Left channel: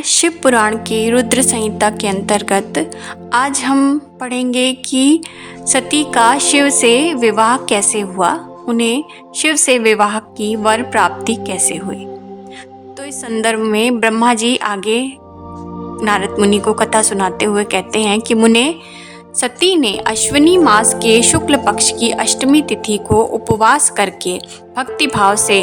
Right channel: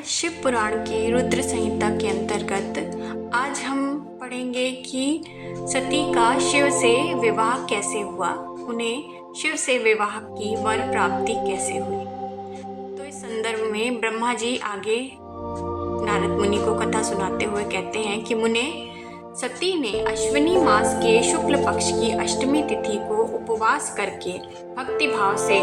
शिव पुराण के रुद्र संहिता के अंतर्गत आज हम पढ़ेंगे कि सती का शिव से विवाह कैसे हुआ, उन्हें शिव से विवाह की वर प्राप्ति कैसे हुई। तो इस संदर्भ में ब्रह्मा जी आगे नारद मुनि को कथा सुनाते हुए कहते हैं कि मुने, सती ने अश्विनी मास के शुक्ल पक्ष की अष्टमी तिथि को उपवास करके भक्ति भाव से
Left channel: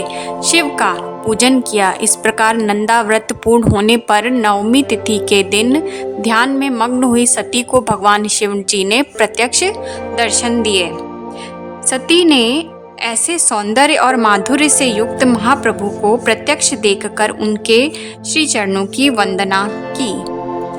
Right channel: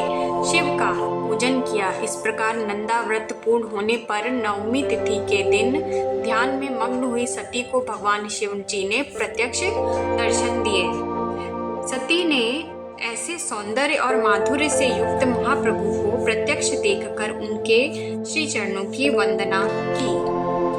शिव का पूजन किया। इस प्रकार नंदा व्रत पूर्ण होने पर नवमी तिथि के दिन ध्यान में मग्न हुई सती को भगवान शिव जी ने प्रत्यक्ष दर्शन दिए। सती ने ऐसे सौंदर्य और माधुर्य से युक्त महाप्रभु को प्रत्यक्ष देखकर उनके श्री चरणों की वंदना की।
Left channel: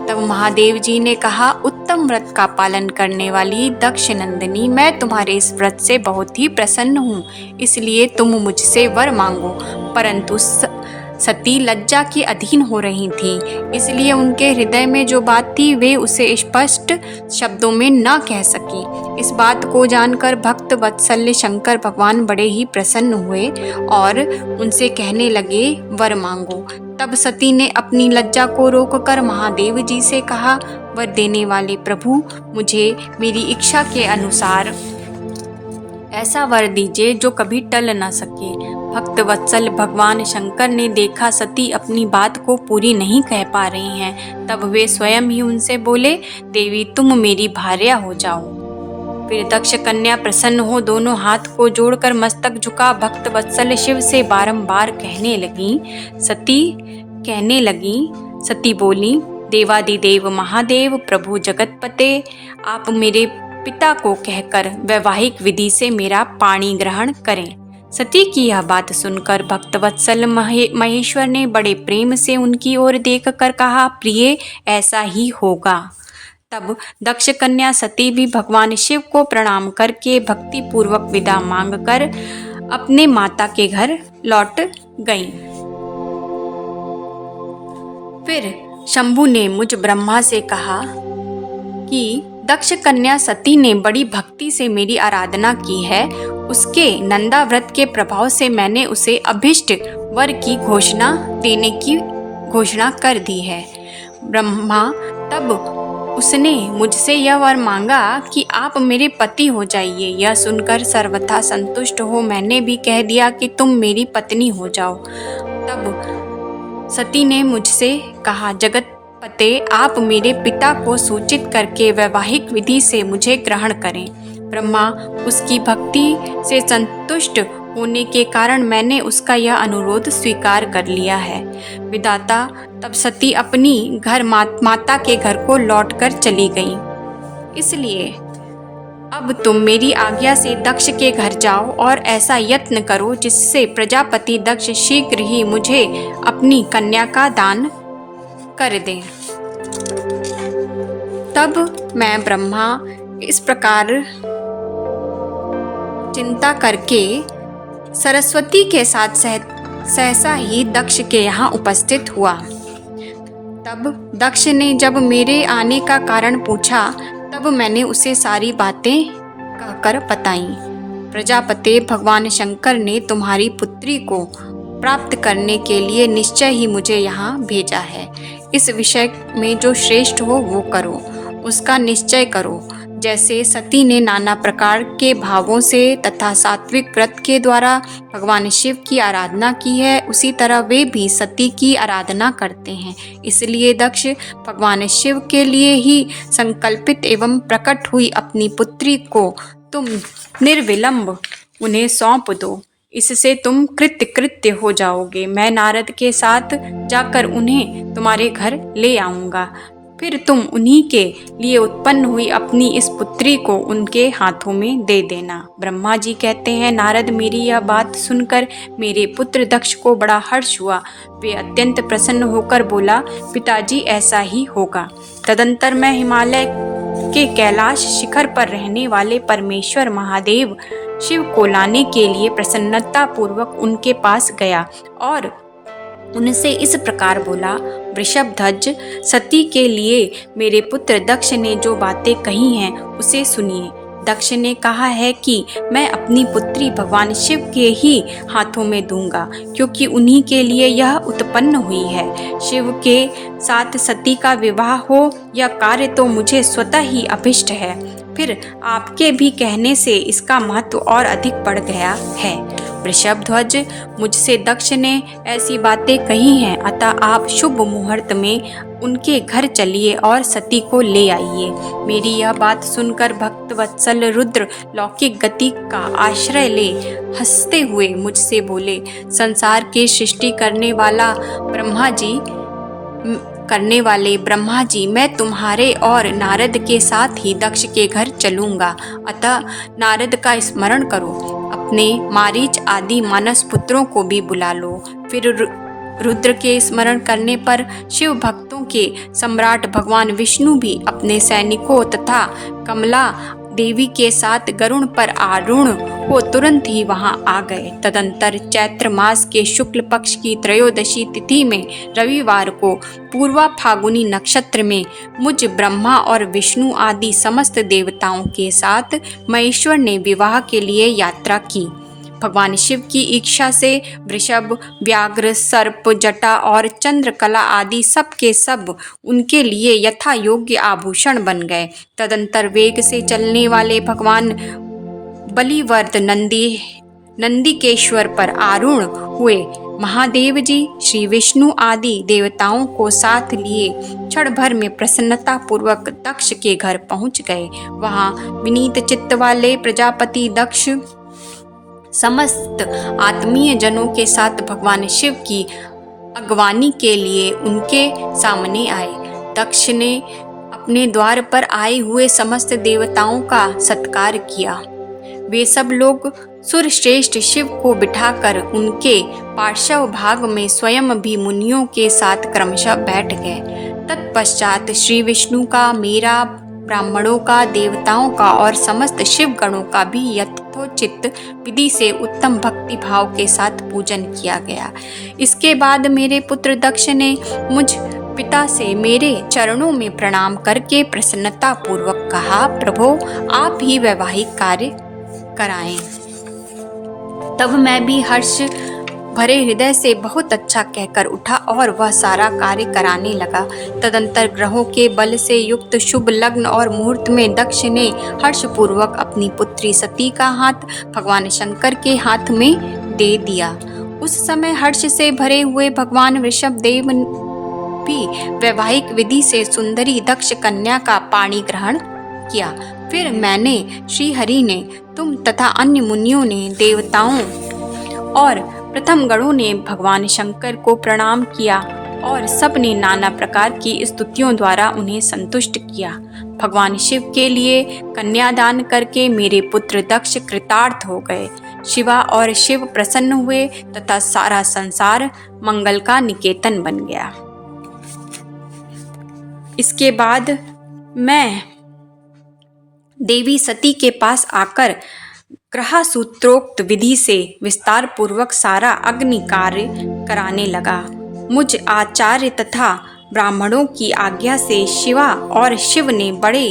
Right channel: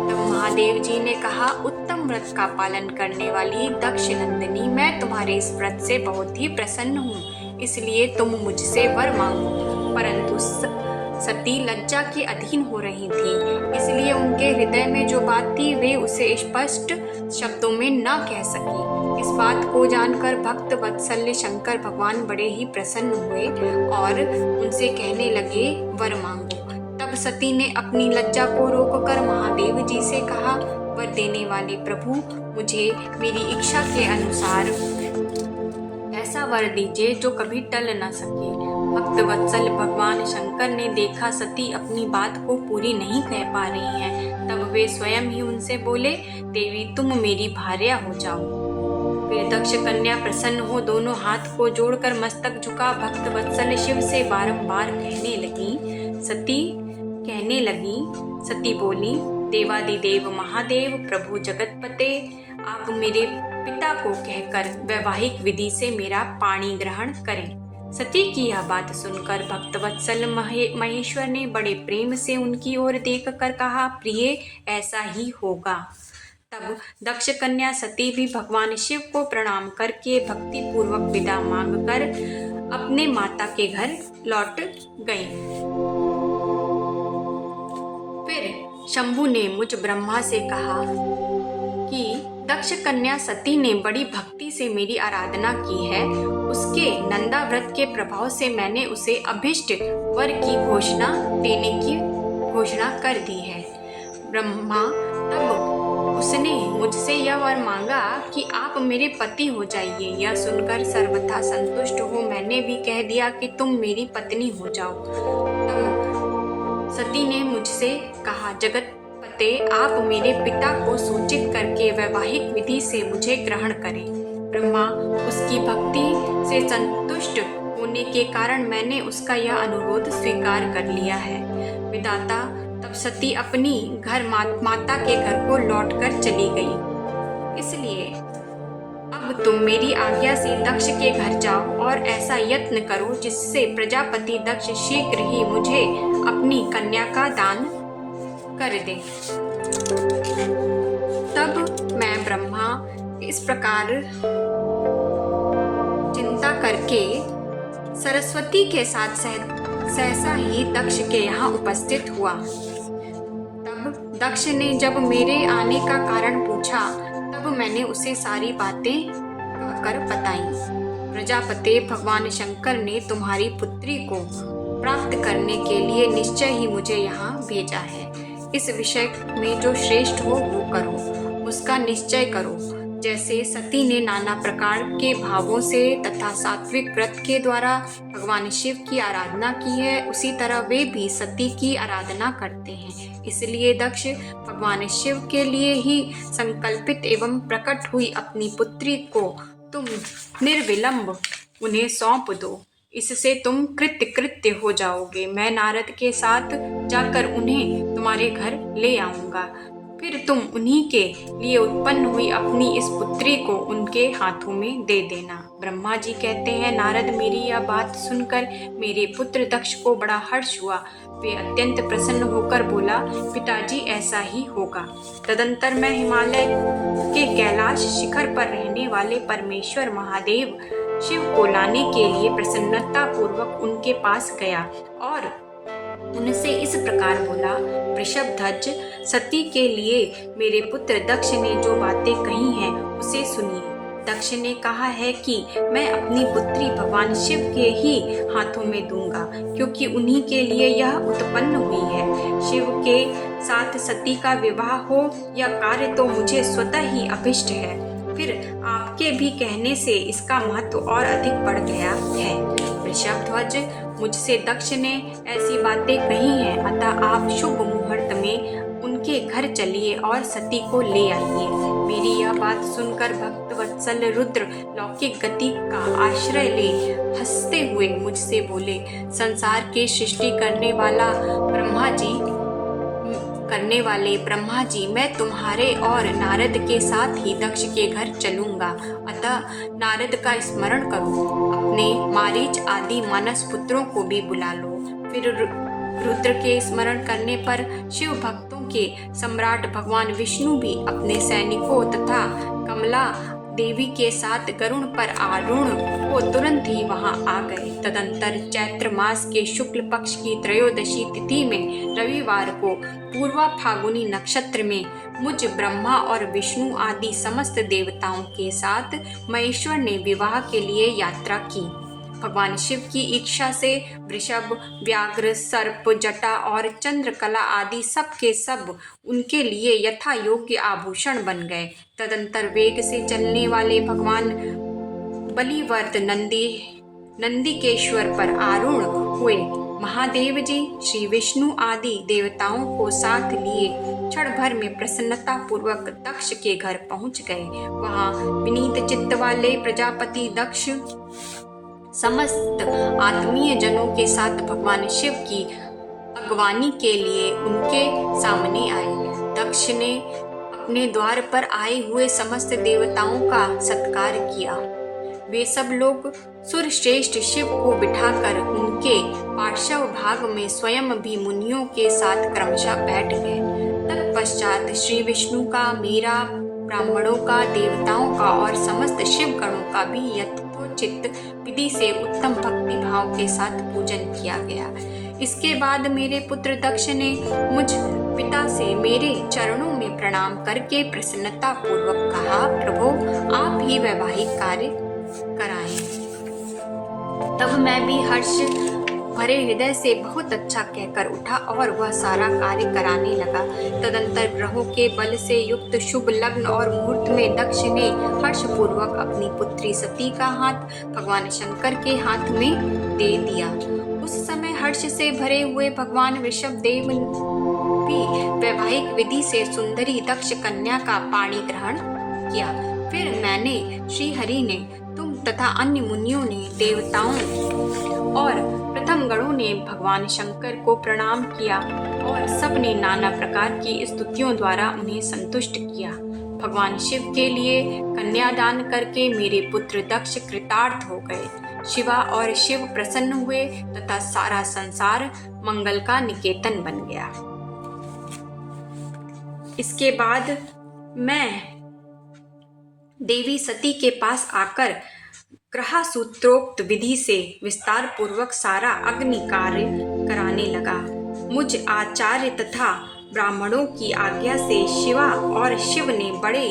तब महादेव जी ने कहा, उत्तम व्रत का पालन करने वाली दक्ष नंदिनी, मैं तुम्हारे इस व्रत से बहुत ही प्रसन्न हूँ, इसलिए तुम मुझसे वर मांगो। परंतु सती लज्जा के अधीन हो रही थी, इसलिए उनके हृदय में जो बात थी वे उसे स्पष्ट शब्दों में न कह सकी। इस बात को जानकर भक्त वत्सल्य शंकर भगवान बड़े ही प्रसन्न हुए और उनसे कहने लगे, वर मांगो। तब सती ने अपनी लज्जा को रोककर महादेव जी से कहा, वर देने वाले प्रभु, मुझे मेरी इच्छा के अनुसार ऐसा वर दीजिए जो कभी टल न सके। भक्त वत्सल भगवान शंकर ने देखा सती अपनी बात को पूरी नहीं कह पा रही हैं, तब वे स्वयं ही उनसे बोले, देवी तुम मेरी भार्या हो जाओ। फिर दक्ष कन्या प्रसन्न हो दोनों हाथ को जोड़कर मस्तक झुका भक्त वत्सल शिव से बारंबार कहने लगी। सती बोली, देवादिदेव महादेव प्रभु जगतपते, आप मेरे पिता को कहकर वैवाहिक विधि से मेरा पाणी ग्रहण करें। सती की यह बात सुनकर भक्त वत्सल महेश्वर ने बड़े प्रेम से उनकी ओर देखकर कहा, प्रिय ऐसा ही होगा। तब दक्ष कन्या सती भी भगवान शिव को प्रणाम करके भक्ति पूर्वक विदा मांगकर अपने माता के घर लौट गई। फिर शंभु ने मुझ ब्रह्मा से कहा कि दक्ष कन्या सती ने बड़ी भक्ति से मेरी आराधना की है, उसके नंदा व्रत के प्रभाव से मैंने उसे अभिष्ट वर की देने की घोषणा कर दी है। ब्रह्मा तब उसने मुझसे यह वर मांगा कि आप मेरे पति हो जाइए। यह सुनकर सर्वथा संतुष्ट हो मैंने भी कह दिया कि तुम मेरी पत्नी हो जाओ। तब सती ने मुझसे कहा, जगतपते आप मेरे पिता को सूचित करके वैवाहिक विधि से मुझे ग्रहण करें। ब्रह्मा उसकी भक्ति से संतुष्ट होने के कारण मैंने उसका यह अनुरोध स्वीकार कर लिया है। विधाता तब सती अपनी माता के घर को लौटकर चली गई। इसलिए अब तुम मेरी आज्ञा से दक्ष के घर जाओ और ऐसा यत्न करो जिससे प्रजापति दक्ष शीघ्र ही मुझे अपनी कन्या का दान कर दे। तब मैं ब्रह्मा इस प्रकार चिंता करके सरस्वती के साथ सहसा ही दक्ष के यहाँ उपस्थित हुआ। तब दक्ष ने जब मेरे आने का कारण पूछा, तब मैंने उसे सारी बातें कहकर बताई। प्रजापति भगवान शंकर ने तुम्हारी पुत्री को प्राप्त करने के लिए निश्चय ही मुझे यहाँ भेजा है। इस विषय में जो श्रेष्ठ हो वो करो, उसका निश्चय करो। जैसे सती ने नाना प्रकार के भावों से तथा सात्विक व्रत के द्वारा भगवान शिव की आराधना की है, उसी तरह वे भी सती की आराधना करते हैं। इसलिए दक्ष भगवान शिव के लिए ही संकल्पित एवं प्रकट हुई अपनी पुत्री को तुम निर्विलंब उन्हें सौंप दो, इससे तुम कृत्य हो जाओगे। मैं नारद के साथ जाकर उन्हें तुम्हारे घर ले आऊँगा, फिर तुम उन्हीं के लिए उत्पन्न हुई अपनी इस पुत्री को उनके हाथों में दे देना। ब्रह्मा जी कहते हैं, नारद मेरी यह बात सुनकर मेरे पुत्र दक्ष को बड़ा हर्ष हुआ। वे अत्यंत प्रसन्न होकर बोला, पिताजी ऐसा ही होगा। तदंतर मैं हिमालय के कैलाश शिखर पर रहने वाले परमेश्वर महादेव शिव को लाने के लिए प्रसन्नता पूर्वक उनके पास गया और उनसे इस प्रकार बोला, वृषभध्वज सती के लिए मेरे पुत्र दक्ष ने जो बातें कही हैं उसे सुनिए। दक्ष ने कहा है कि मैं अपनी पुत्री भगवान शिव के ही हाथों में दूंगा, क्योंकि उन्हीं के लिए यह उत्पन्न हुई है। शिव के साथ सती का विवाह हो यह कार्य तो मुझे स्वतः ही अभिष्ट है, फिर आपके भी कहने से इसका महत्व और अधिक बढ़ गया है। वृषभध्वज, मुझसे दक्ष ने ऐसी बातें कही हैं, अतः आप शुभ मुहूर्त में उनके घर चलिए और सती को ले आइए। मेरी यह बात सुनकर भक्त वत्सल रुद्र लौकिक गति का आश्रय ले हंसते हुए मुझसे बोले, संसार की सृष्टि करने वाले ब्रह्मा जी, मैं तुम्हारे और नारद के साथ ही दक्ष के घर चलूंगा, अतः नारद का स्मरण करो, अपने मारीच आदि मानस पुत्रों को भी बुला लो। फिर रुद्र के स्मरण करने पर शिव भक्तों के सम्राट भगवान विष्णु भी अपने सैनिकों तथा कमला देवी के साथ गरुड़ पर आरूढ़ हो तुरंत ही वहां आ गए। तदंतर चैत्र मास के शुक्ल पक्ष की त्रयोदशी तिथि में रविवार को पूर्वा फागुनी नक्षत्र में मुझ ब्रह्मा और विष्णु आदि समस्त देवताओं के साथ महेश्वर ने विवाह के लिए यात्रा की। भगवान शिव की इच्छा से वृषभ, व्याघ्र, सर्प, जटा और चंद्रकला आदि सब के सब उनके लिए यथा योग्य आभूषण बन गए। तदंतर वेग से चलने वाले भगवान बलिवर्द नंदिकेश्वर पर आरूढ़ हुए महादेव जी श्री विष्णु आदि देवताओं को साथ लिए क्षण भर में प्रसन्नता पूर्वक दक्ष के घर पहुंच गए। वहां विनीत चित्त वाले प्रजापति दक्ष समस्त आत्मीय जनों के साथ भगवान शिव की अगवानी के लिए उनके सामने आए। दक्ष ने अपने द्वार पर आए हुए समस्त देवताओं का सत्कार किया। वे सब लोग सुरश्रेष्ठ शिव को बिठाकर उनके पार्श्व भाग में स्वयं भी मुनियों के साथ क्रमशः बैठ गए। तत्पश्चात श्री विष्णु का, मेरा, ब्राह्मणों का, देवताओं का और समस्त शिव गणों का भी यथोचित विधि से उत्तम भक्ति भाव के साथ पूजन किया गया। इसके बाद मेरे पुत्र दक्ष ने मुझ पिता से मेरे चरणों में प्रणाम करके प्रसन्नता पूर्वक कहा, प्रभो आप ही वैवाहिक कार्य कराएं। तब मैं भी हर्ष भरे हृदय से बहुत अच्छा कहकर उठा और वह सारा कार्य कराने लगा। तदंतर ग्रहों के बल से युक्त शुभ लग्न और मुहूर्त में दक्ष ने हर्षपूर्वक अपनी पुत्री सती का हाथ भगवान शंकर के हाथ में दे दिया। उस समय हर्ष से भरे हुए भगवान ऋषभ देव भी वैवाहिक विधि से सुंदरी दक्ष कन्या का पाणी ग्रहण किया। फिर मैंने, श्री हरि ने, तुम तथा अन्य मुनियों ने, देवताओं और प्रथम गणों ने भगवान शंकर को प्रणाम किया और सब ने नाना प्रकार की स्तुतियों द्वारा उन्हें संतुष्ट किया। भगवान शिव के लिए कन्यादान करके मेरे पुत्र दक्ष कृतार्थ हो गए। शिवा और शिव प्रसन्न हुए तथा सारा संसार मंगल का निकेतन बन गया। इसके बाद मैं देवी सती के पास आकर ग्रह सूत्रोक्त विधि से विस्तार पूर्वक सारा अग्नि कार्य कराने लगा। मुझ आचार्य तथा ब्राह्मणों की आज्ञा से शिवा और शिव ने बड़े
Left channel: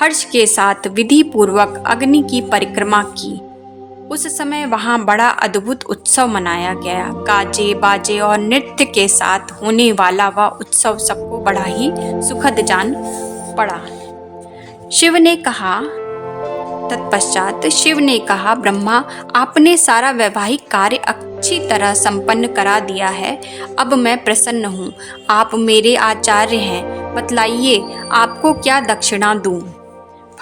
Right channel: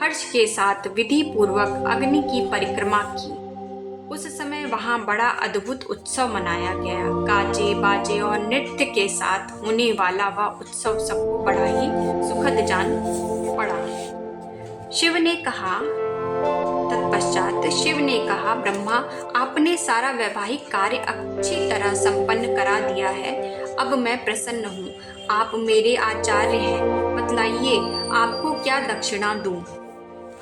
हर्ष के साथ विधि पूर्वक अग्नि की परिक्रमा की। उस समय वहां बड़ा अद्भुत उत्सव मनाया गया। गाजे बाजे और नृत्य के साथ होने वाला वह उत्सव सबको बड़ा ही सुखद जान पड़ा। तत्पश्चात शिव ने कहा, ब्रह्मा आपने सारा वैवाहिक कार्य अच्छी तरह संपन्न करा दिया है, अब मैं प्रसन्न हूँ। आप मेरे आचार्य हैं, बतलाइए आपको क्या दक्षिणा दूँ।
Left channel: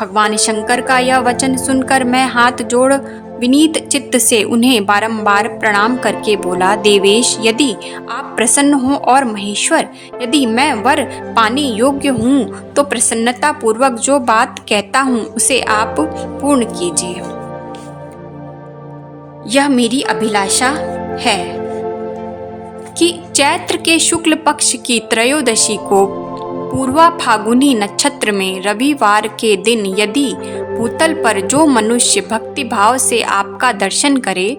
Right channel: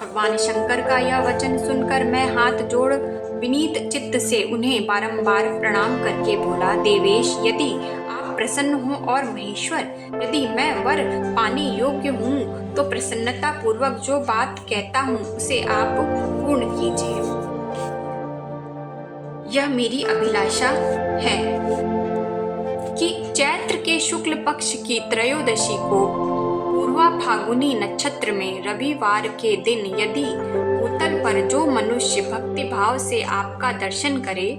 भगवान शंकर का यह वचन सुनकर मैं हाथ जोड़ विनीत चित्त से उन्हें बारंबार प्रणाम करके बोला, देवेश यदि आप प्रसन्न हो और महेश्वर यदि मैं वर पाने योग्य हूँ तो प्रसन्नता पूर्वक जो बात कहता हूँ उसे आप पूर्ण कीजिए। यह मेरी अभिलाषा है कि चैत्र के शुक्ल पक्ष की त्रयोदशी को पूर्वा फागुनी नक्षत्र में रविवार के दिन यदि भूतल पर जो मनुष्य भक्ति भाव से आपका दर्शन करे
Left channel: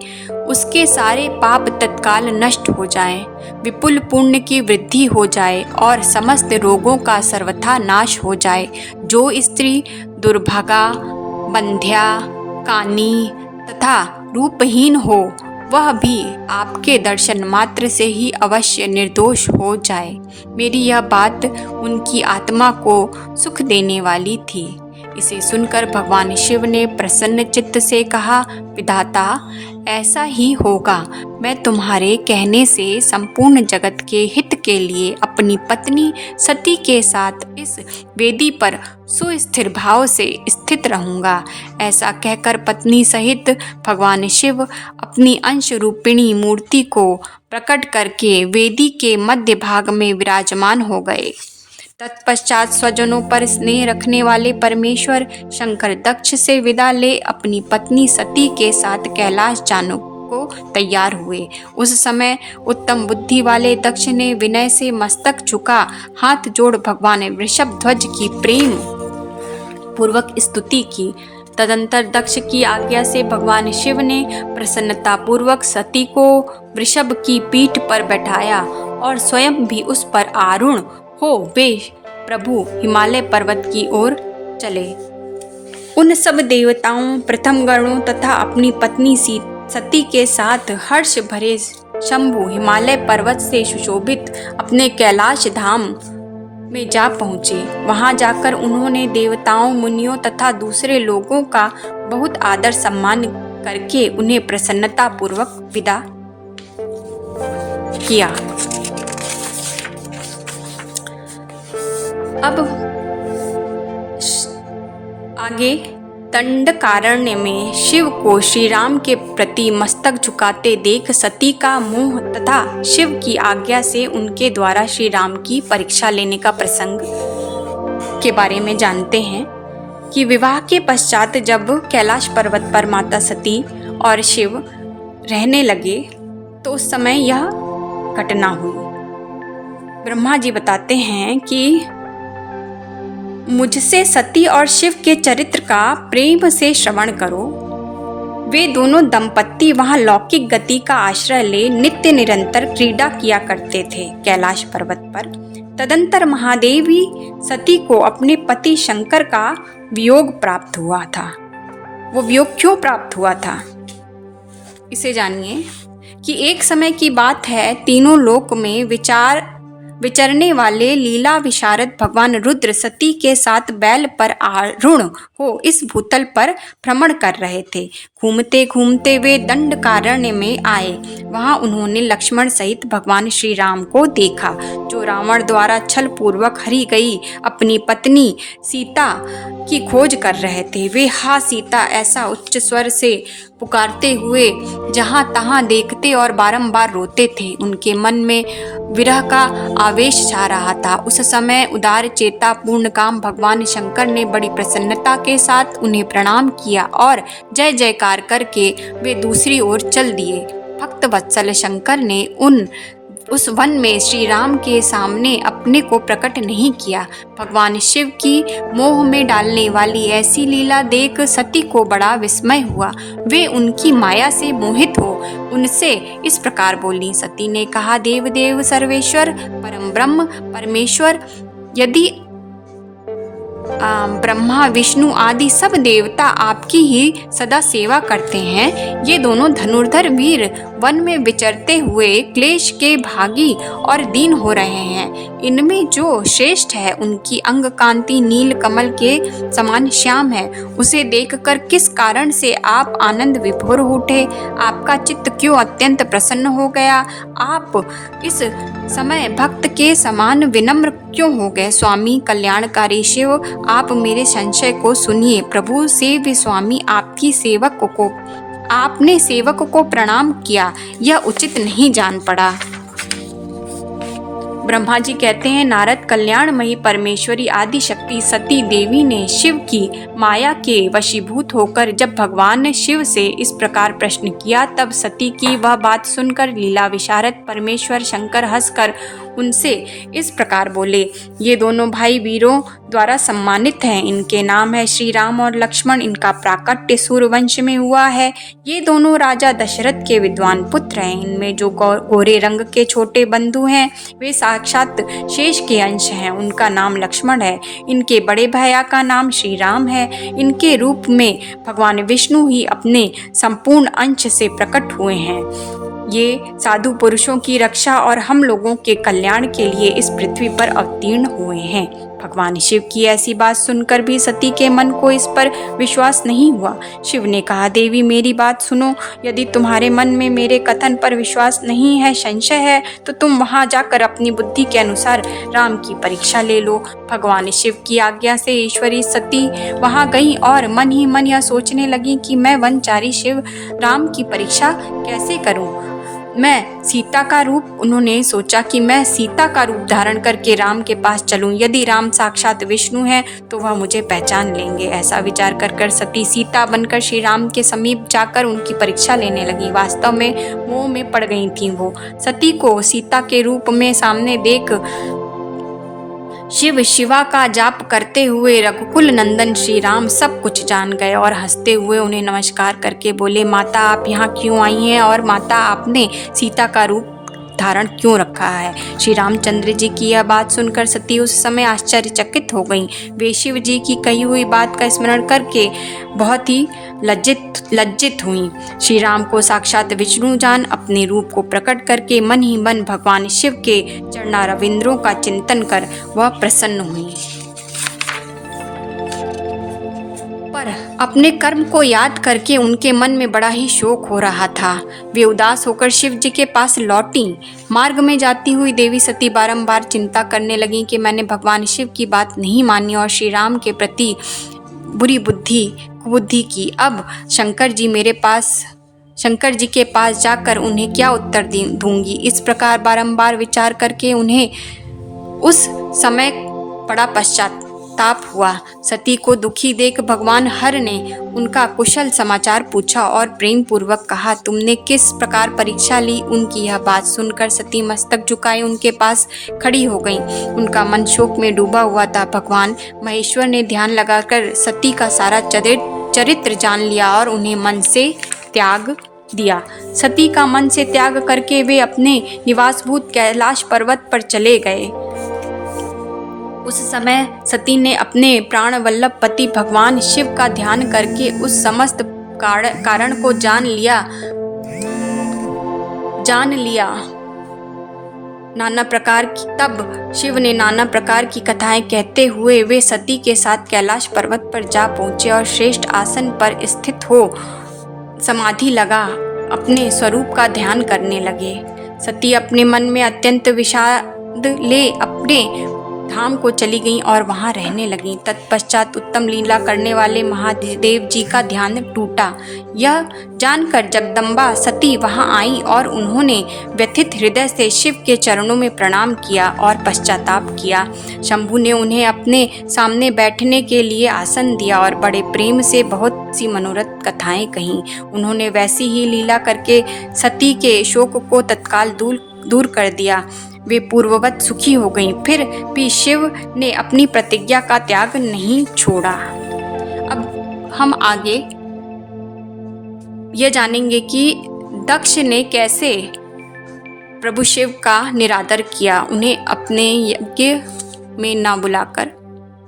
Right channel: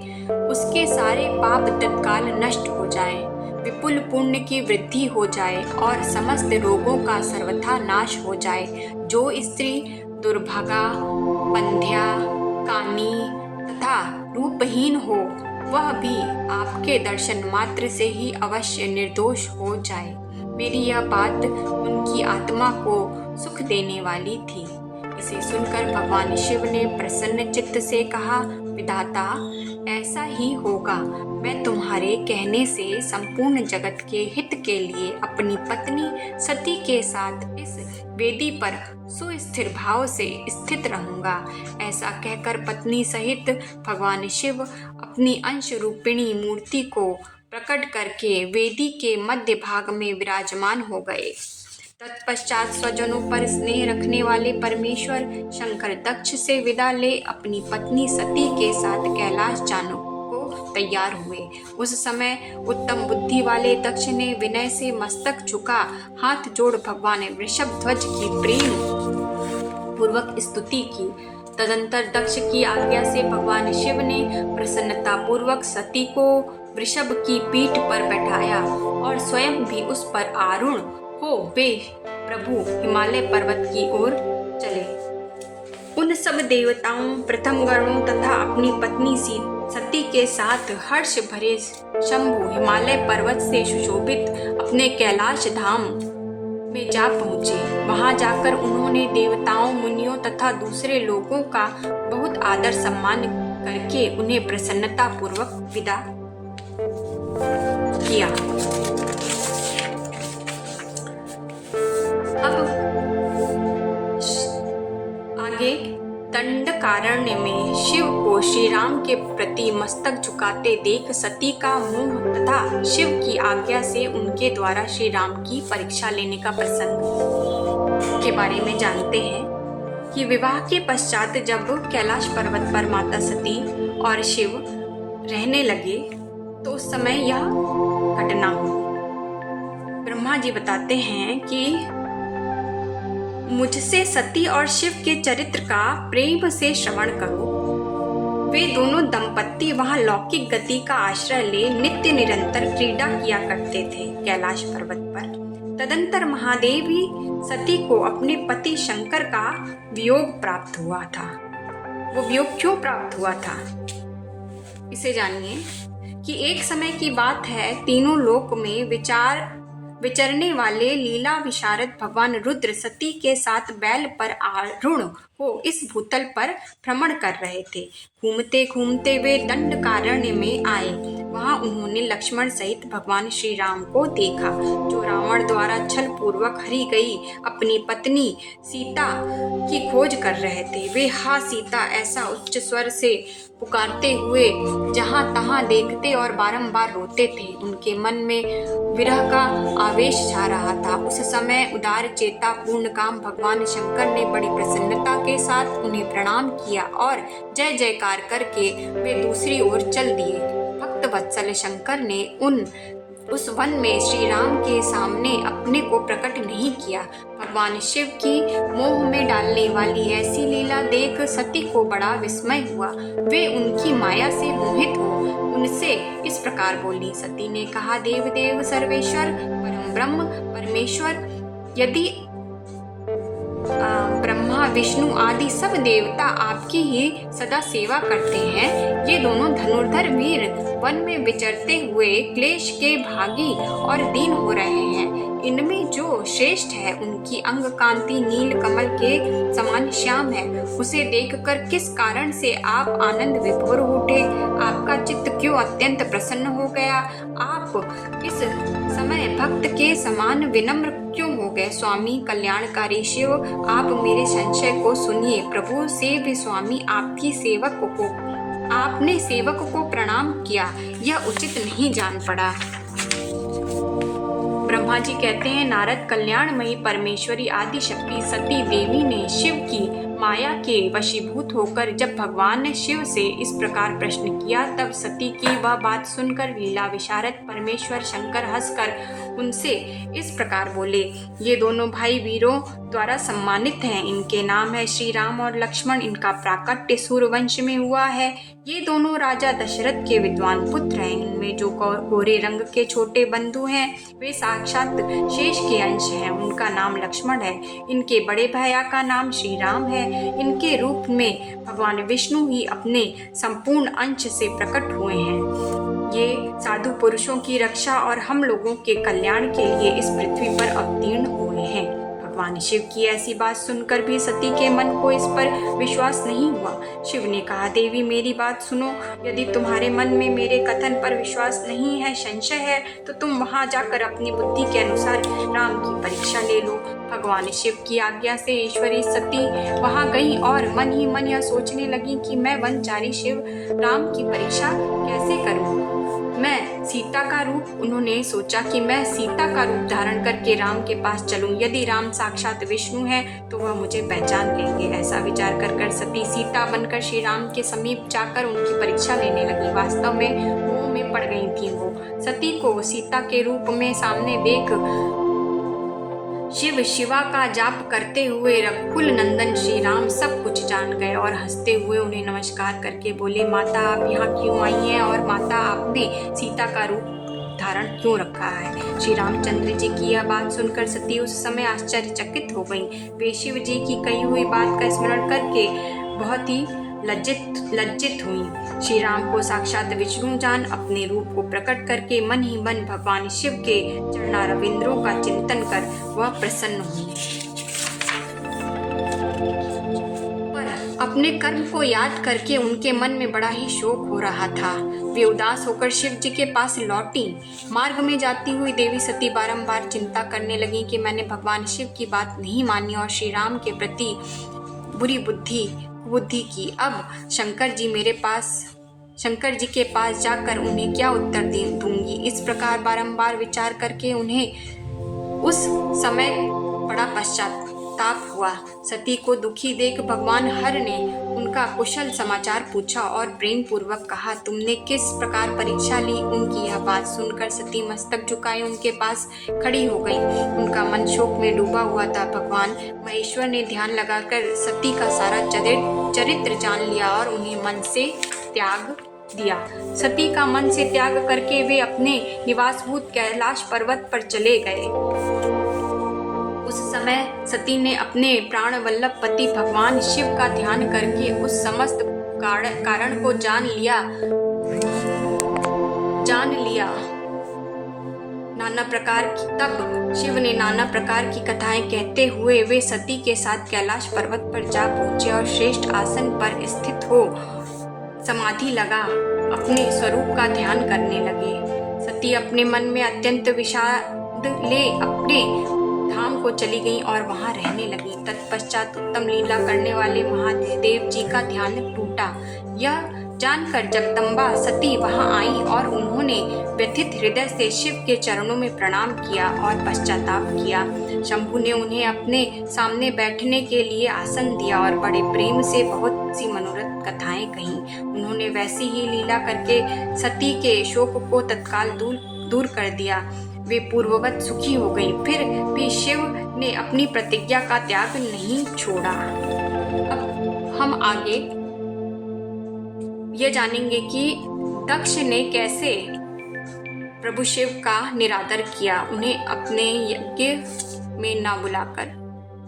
उसके सारे पाप तत्काल नष्ट हो जाएं, विपुल पुण्य की वृद्धि हो जाए और समस्त रोगों का सर्वथा नाश हो जाए। जो स्त्री दुर्भागा बंध्या, कानी तथा रूपहीन हो, वह भी आपके दर्शन मात्र से ही अवश्य निर्दोष हो जाए। मेरी यह बात उनकी आत्मा को सुख देने वाली थी। इसे सुनकर भगवान शिव ने प्रसन्न चित्त से कहा, विधाता, ऐसा ही होगा। मैं तुम्हारे कहने से संपूर्ण जगत के हित के लिए अपनी पत्नी सती के साथ इस वेदी पर सुस्थिर भाव से स्थित रहूंगा। ऐसा कहकर पत्नी सहित भगवान शिव अपनी अंश रूपिणी मूर्ति को प्रकट करके वेदी के मध्य भाग में विराजमान हो गए। तत्पश्चात स्वजनों पर स्नेह रखने वाले परमेश्वर शंकर दक्ष से विदा ले अपनी पत्नी सती के साथ कैलाश जाने को तैयार हुए। उस समय उत्तम बुद्धि वाले दक्ष ने विनय से मस्तक झुका हाथ जोड़ भगवान वृषभध्वज की प्रेम पूर्वक स्तुति की। तदंतर दक्ष की आज्ञा से भगवान शिव ने प्रसन्नता पूर्वक सती को वृषभ की पीठ पर बैठाया और स्वयं भी उस पर आरूढ़ हो वे प्रभु हिमालय पर्वत की ओर चले। उन सब देवताओं, प्रथम गणों तथा अपनी पत्नी सती के साथ हर्ष भरे शंभु हिमालय पर्वत से सुशोभित अपने कैलाश धाम में जा पहुँचे। वहाँ जाकर उन्होंने देवताओं, मुनियों तथा दूसरे लोगों का बहुत आदर सम्मान करके उन्हें प्रसन्नता पूर्वक विदा किया। अब आगे दंडकारण्य में शिव को श्री राम के प्रति मस्तक झुकाते देख सती का मोह तथा शिव की आज्ञा से उनके द्वारा श्री राम की परीक्षा लेने का प्रसंग के बारे में जानते हैं कि विवाह के पश्चात जब कैलाश पर्वत पर माता सती और शिव रहने लगे तो उस समय यह घटना हुई। ब्रह्मा जी बताते हैं कि मुझसे सती और शिव के चरित्र का प्रेम से श्रवण करो। वे दोनों दंपत्ति वहां लौकिक गति का आश्रय ले नित्य निरंतर क्रीड़ा किया करते थे कैलाश पर्वत पर। तदंतर महादेवी सती को अपने पति शंकर का वियोग प्राप्त हुआ था। वो वियोग क्यों प्राप्त हुआ था, इसे जानिए कि एक समय की बात है, तीनों लोक में विचरने वाले लीला विशारद भगवान रुद्र सती के साथ बैल पर आरूढ़ हो इस भूतल पर भ्रमण कर रहे थे। घूमते घूमते वे दंडकारण्य में आए। वहां उन्होंने लक्ष्मण सहित भगवान श्री राम को देखा, जो रावण द्वारा छल पूर्वक हरी गई अपनी पत्नी सीता की खोज कर रहे थे। वे हा सीता ऐसा उच्च स्वर से पुकारते हुए जहां तहां देखते और बारंबार रोते थे। उनके मन में विरह का आवेश छा रहा था। उस समय उदार चेता पूर्ण काम भगवान शंकर ने बड़ी प्रसन्नता के साथ उन्हें प्रणाम किया और जय जयकार करके वे दूसरी ओर चल दिए। भक्त वत्सल शंकर ने उस वन में श्री राम के सामने अपने को प्रकट नहीं किया। भगवान शिव की मोह में डालने वाली ऐसी लीला देख सती को बड़ा विस्मय हुआ। वे उनकी माया से मोहित हो उनसे इस प्रकार बोली। सती ने कहा, देव देव सर्वेश्वर परम ब्रह्म परमेश्वर, यदि ब्रह्मा विष्णु आदि सब देवता आपकी ही सदा सेवा करते हैं, ये दोनों धनुर्धर वीर वन में विचरते हुए क्लेश के भागी और दीन हो रहे हैं। इनमें जो श्रेष्ठ है उनकी अंग कांति नील कमल के समान श्याम है। उसे देखकर किस कारण से आप आनंद विभोर उठे? आपका चित्त क्यों अत्यंत प्रसन्न हो गया? आप इस समय भक्त के समान विनम्र क्यों हो गए? स्वामी कल्याणकारी शिव, आप मेरे संशय को सुनिए। प्रभु सेव्य स्वामी, आपने सेवक को प्रणाम किया, यह उचित नहीं जान पड़ा। ब्रह्मा जी कहते हैं, नारद कल्याणमयी परमेश्वरी आदि शक्ति सती देवी ने शिव की माया के वशीभूत होकर जब भगवान शिव से इस प्रकार प्रश्न किया, तब सती की वह बात सुनकर लीला विशारद परमेश्वर शंकर हंसकर उनसे इस प्रकार बोले, ये दोनों भाई वीरों द्वारा सम्मानित हैं। इनके नाम है श्री राम और लक्ष्मण। इनका प्राकट्य सूर्यवंश में हुआ है। ये दोनों राजा दशरथ के विद्वान पुत्र हैं। इनमें जो गोरे रंग के छोटे बंधु हैं वे साक्षात शेष के अंश हैं। उनका नाम लक्ष्मण है। इनके बड़े भैया का नाम श्री राम है। इनके रूप में भगवान विष्णु ही अपने संपूर्ण अंश से प्रकट हुए हैं। ये साधु पुरुषों की रक्षा और हम लोगों के कल्याण के लिए इस पृथ्वी पर अवतीर्ण हुए हैं। भगवान शिव की ऐसी बात सुनकर भी सती के मन को इस पर विश्वास नहीं हुआ। शिव ने कहा, देवी मेरी बात सुनो। यदि तुम्हारे मन में मेरे कथन पर विश्वास नहीं है, संशय है, तो तुम वहां जाकर अपनी बुद्धि के अनुसार राम की परीक्षा ले लो। भगवान शिव की आज्ञा से ईश्वरी सती वहां गई और मन ही मन यह सोचने लगी कि मैं वनचारी शिव राम की परीक्षा कैसे करूं। उन्होंने सोचा कि मैं सीता का रूप धारण करके राम के पास चलूं। यदि राम साक्षात विष्णु हैं तो वह मुझे पहचान लेंगे। ऐसा विचार कर सती सीता बनकर श्री राम के समीप जाकर उनकी परीक्षा लेने लगी। वास्तव में मोह में पड़ गई थी वो। सती को सीता के रूप में सामने देख शिव शिवा का जाप करते हुए रघुकुल नंदन श्री राम सब कुछ जान गए और हंसते हुए उन्हें नमस्कार करके बोले, माता आप यहाँ क्यों आई हैं और माता आपने सीता का रूप धारण क्यों रखा है। श्री रामचंद्र जी की यह बात सुनकर सती उस समय आश्चर्यचकित हो गईं। वे शिव जी की कही हुई बात का स्मरण करके बहुत ही लज्जित हुई। श्री राम को साक्षात विष्णु जान अपने रूप को प्रकट करके मन ही मन भगवान शिव के चरणारविंदों का चिंतन कर वह प्रसन्न हुई। पर अपने कर्म को याद करके उनके मन में बड़ा ही शोक हो रहा था। वे उदास होकर शिव जी के पास लौटी। मार्ग में जाती हुई देवी सती बारंबार चिंता करने लगी कि मैंने भगवान शिव की बात नहीं मानी और श्री राम के प्रति बुरी कुबुद्धि की। अब शंकर जी के पास जाकर उन्हें क्या उत्तर दूंगी। इस प्रकार बारंबार विचार करके उन्हें उस समय बड़ा पश्चाताप हुआ। सती को दुखी देख भगवान हर ने उनका कुशल समाचार पूछा और प्रेम पूर्वक कहा, तुमने किस प्रकार परीक्षा ली। उनकी यह बात सुनकर सती मस्तक झुकाए उनके पास खड़ी हो गई। उनका मन शोक में डूबा हुआ था। भगवान महेश्वर ने ध्यान लगाकर सती का सारा चरित्र जान लिया और उन्हें मन से त्याग दिया। सती का मन से त्याग करके वे अपने निवासभूत कैलाश पर्वत पर चले गए। उस समय सती ने अपने प्राण वल्लभ पति भगवान शिव का ध्यान करके उस समस्त कारण को जान लिया। तब शिव ने नाना प्रकार की कथाएं कहते हुए वे सती के साथ कैलाश पर्वत पर जा पहुंचे और श्रेष्ठ आसन पर स्थित हो समाधि लगा अपने स्वरूप का ध्यान करने लगे। सती अपने मन में अत्यंत विषाद ले अपने धाम को चली गईं और वहां रहने लगीं। तत्पश्चात उत्तम लीला करने वाले महादेव जी का ध्यान टूटा। यह जानकर जगदम्बा सती वहां आई और उन्होंने व्यथित हृदय से शिव के चरणों में प्रणाम किया और पश्चाताप किया। शंभु ने उन्हें अपने सामने बैठने के लिए आसन दिया और बड़े प्रेम से बहुत सी मनोरथ कथाएं कहीं। उन्होंने वैसी ही लीला करके सती के शोक को तत्काल दूर कर दिया। वे पूर्ववत सुखी हो गईं। फिर भी शिव ने अपनी प्रतिज्ञा का त्याग नहीं छोड़ा। अब हम आगे ये जानेंगे कि दक्ष ने कैसे प्रभु शिव का निरादर किया। उन्हें अपने यज्ञ में ना बुलाकर